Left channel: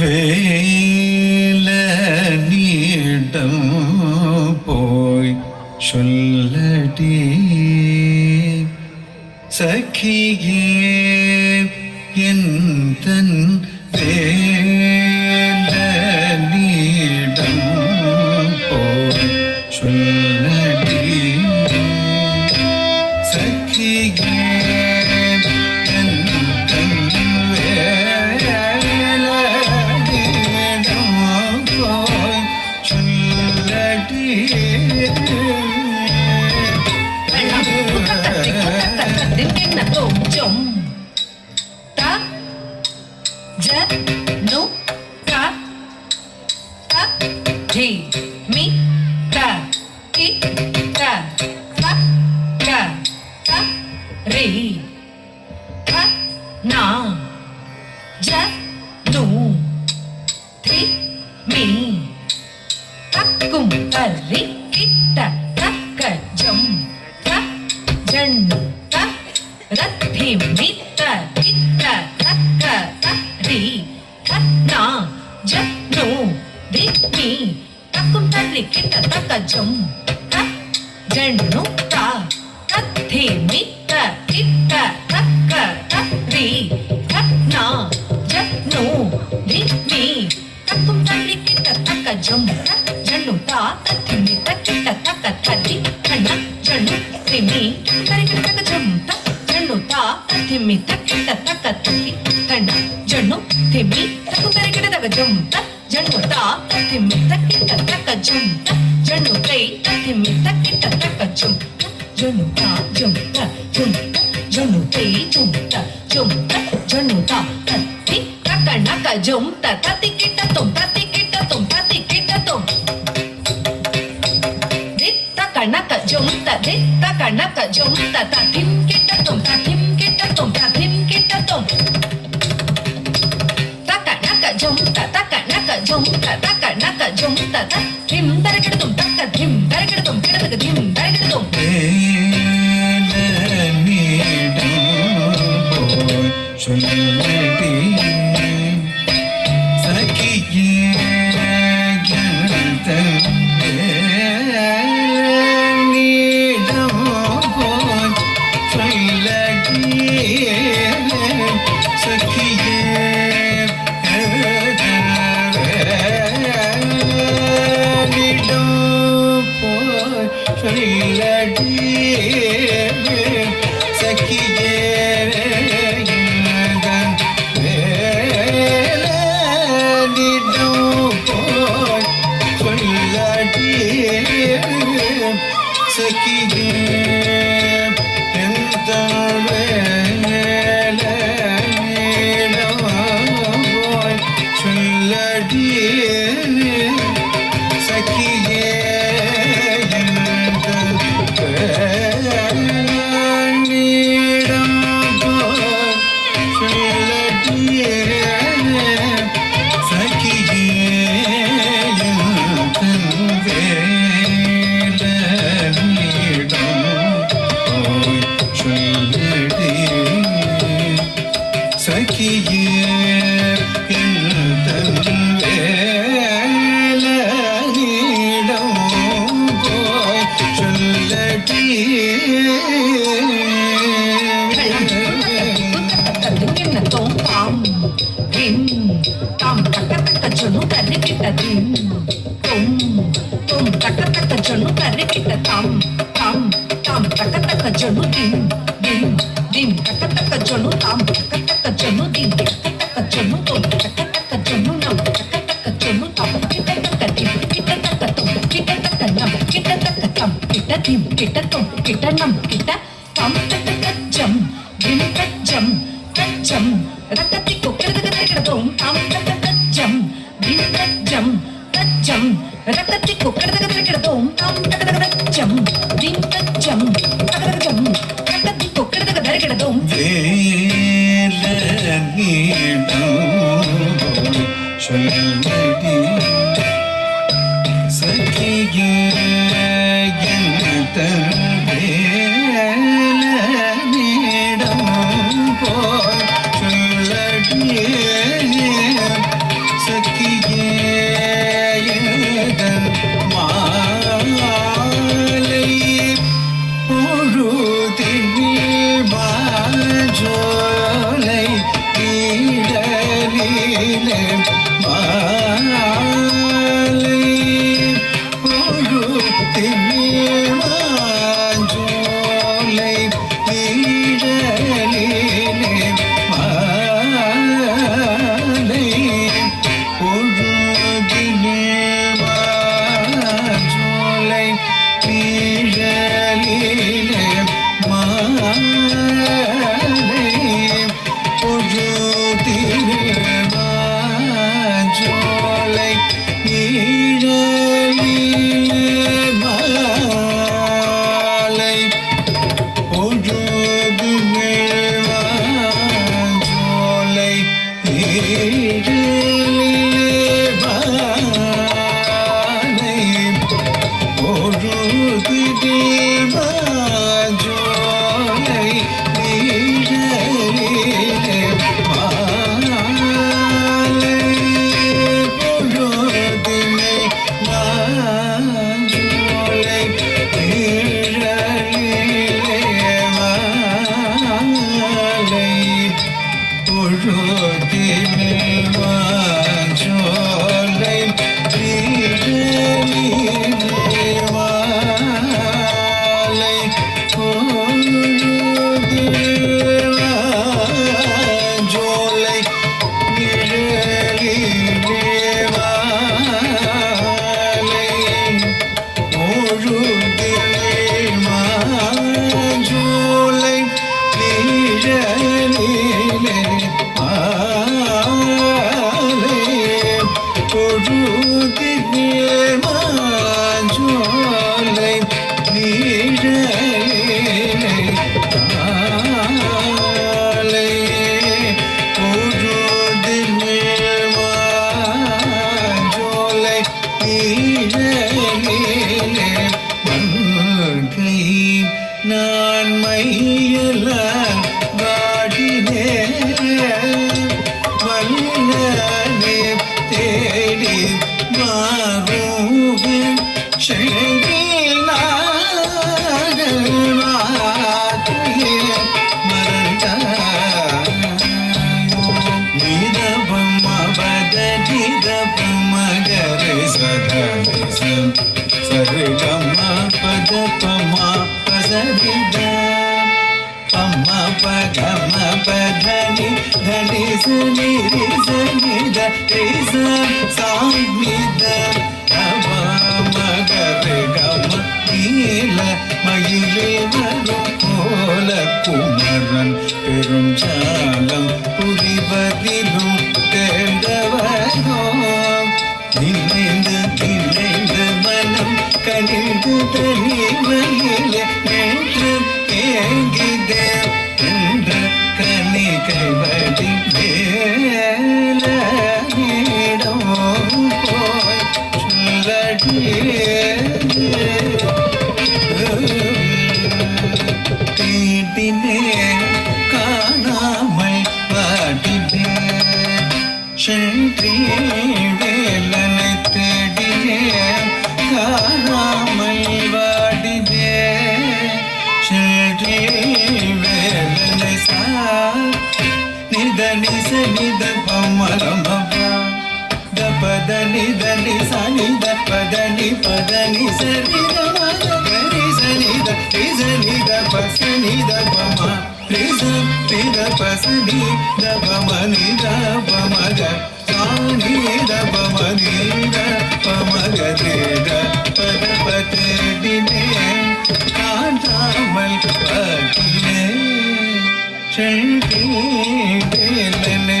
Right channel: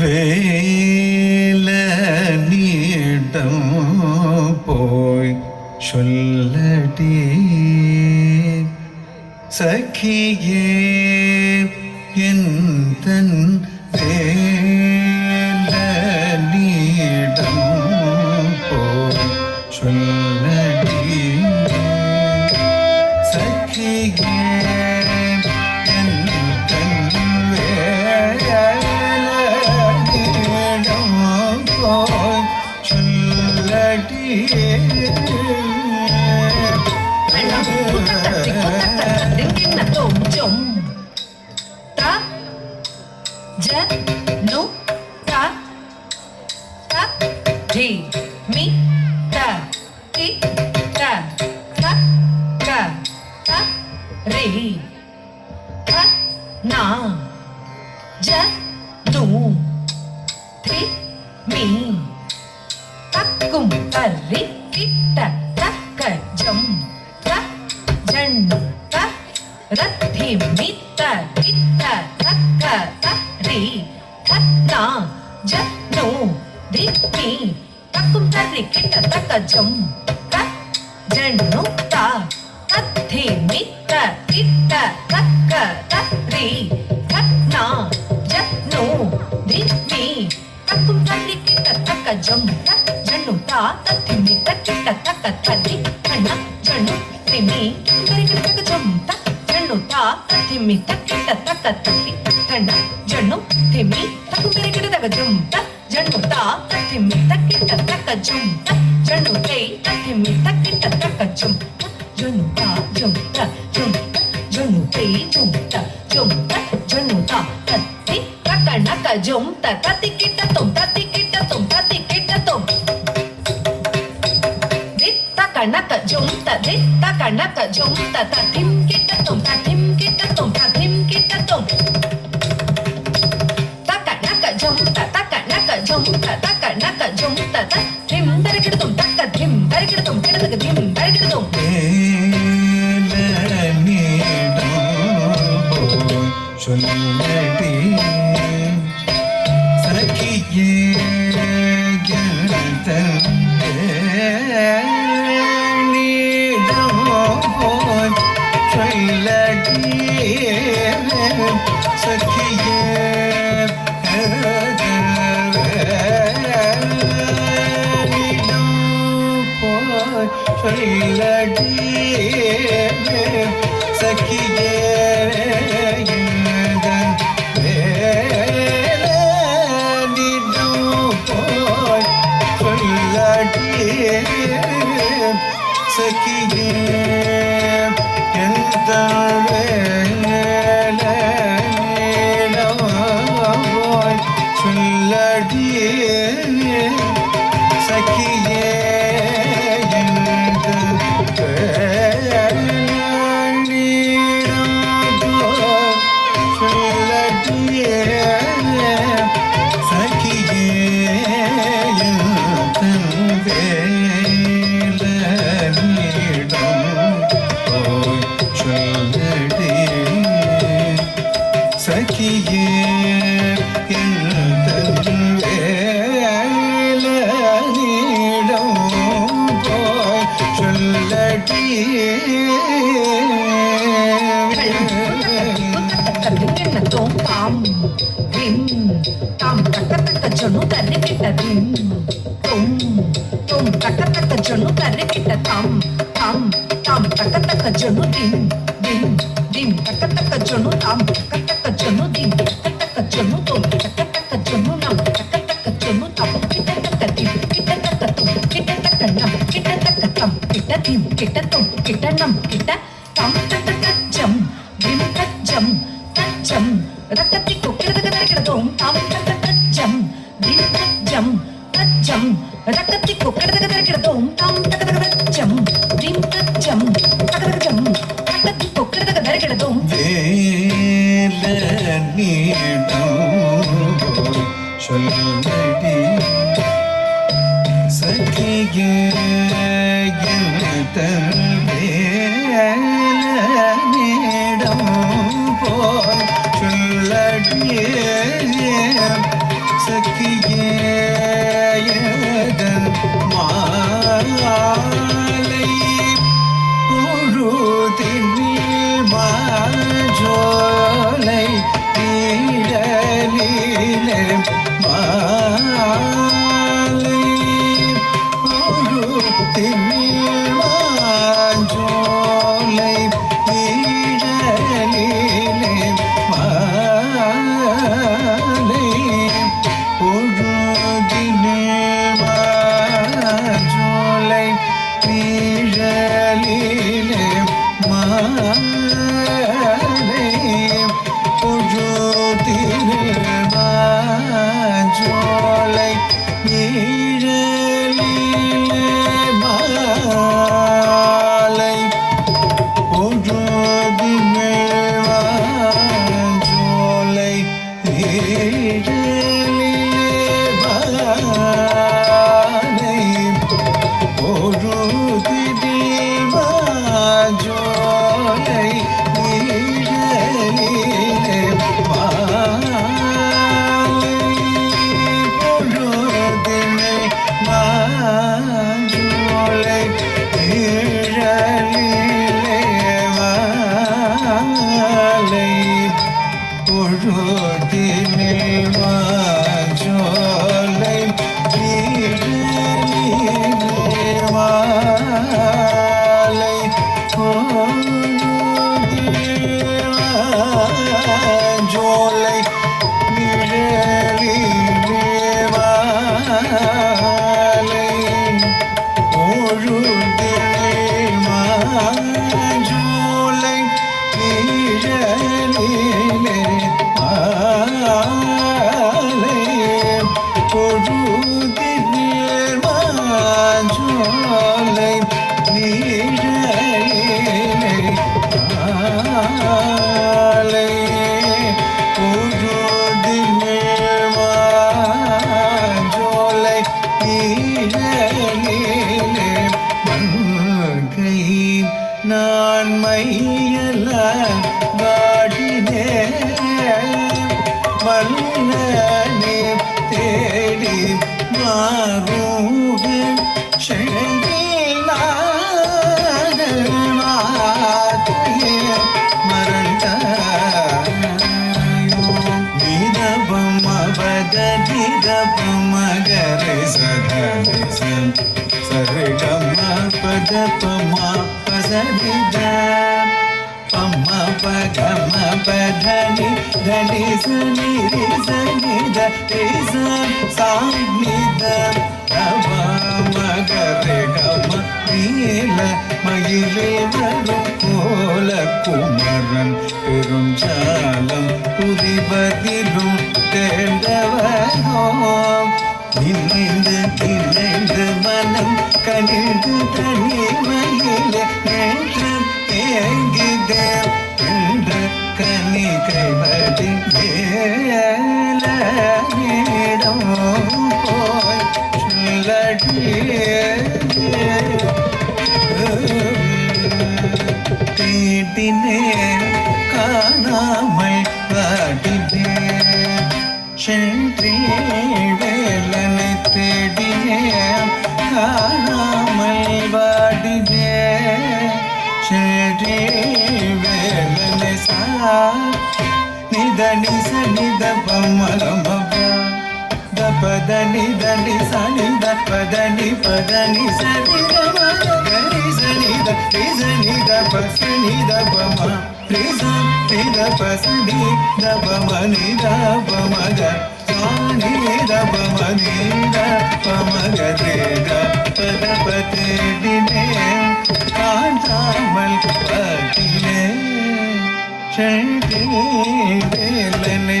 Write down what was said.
வேலனிடம் போய் சொல்லடி சகியே என் தன் வேலனிடம் போய் சொல்லடி சகியே மாலை பொழுதினில் மாஞ்சோலை நீழலிலே மாலை பொழுதினில் மாஞ்சோலை நீழலிலே மாலை பொழுதினில் மாஞ்சோலை நீழலிலே மாலை பொழுதினில் மாஞ்சோலை நீழலிலே மாலை பொழுதினில் மாஞ்சோலை நீழலிலே மாலை பொழுதினில் மாஞ்சோலை நீழலிலே மாலை பொழுதினில் மாஞ்சோலை நீழலிலே மாலை பொழுதினில் மாஞ்சோலை நிழலிலே மாலை பொழுதினில் மாஞ்சோலை நிழலிலே மாலை பொழுதினில் மாஞ்சோலை நிழலிலே மாலை பொழுதினில் மாஞ்சோலை நிழலிலே மங்கை நான் மையலான் வாடினேன் வல்லனே தேடி மாறுவேன் செழில் நாடல் மாற்றியே மறந்தாயோ நிதபம் அவத நிதபம் மகரை சதரிசம் சரிகமா பதபமா பசரிதா அம்மா பகம பதனி தனி சனி ரி சனி த ரி ச சாமி த பவ மகர கம நீல மயிலில் வரும் கோல குமரன் பெரும் ஜாலம் புரிவதிலும் தேர்ந்தவனோ நினைந்து நினைந்து மனம் கனிந்து தனிமையில் நின்று தேங்கிதே என்று கனி கைவடி வேலிடம் போய் சொல்லடியே தேடினே காணாமல் பாடினே சென்றே வேலனை தேடினே காணாமல் வாடினே சென்றே வேலனை சா நிதனி சனித பமரமபா தபதனி தனி சனித பதனி பதனி சனித மகரி சனித ரிசனித பசனித பமா ரிசம் நித பசனி தபமனி தபமக சானி தபமனி தபமக தேக பதபதேடினே காணாமல் பாட்டினே சென்றே வேலனை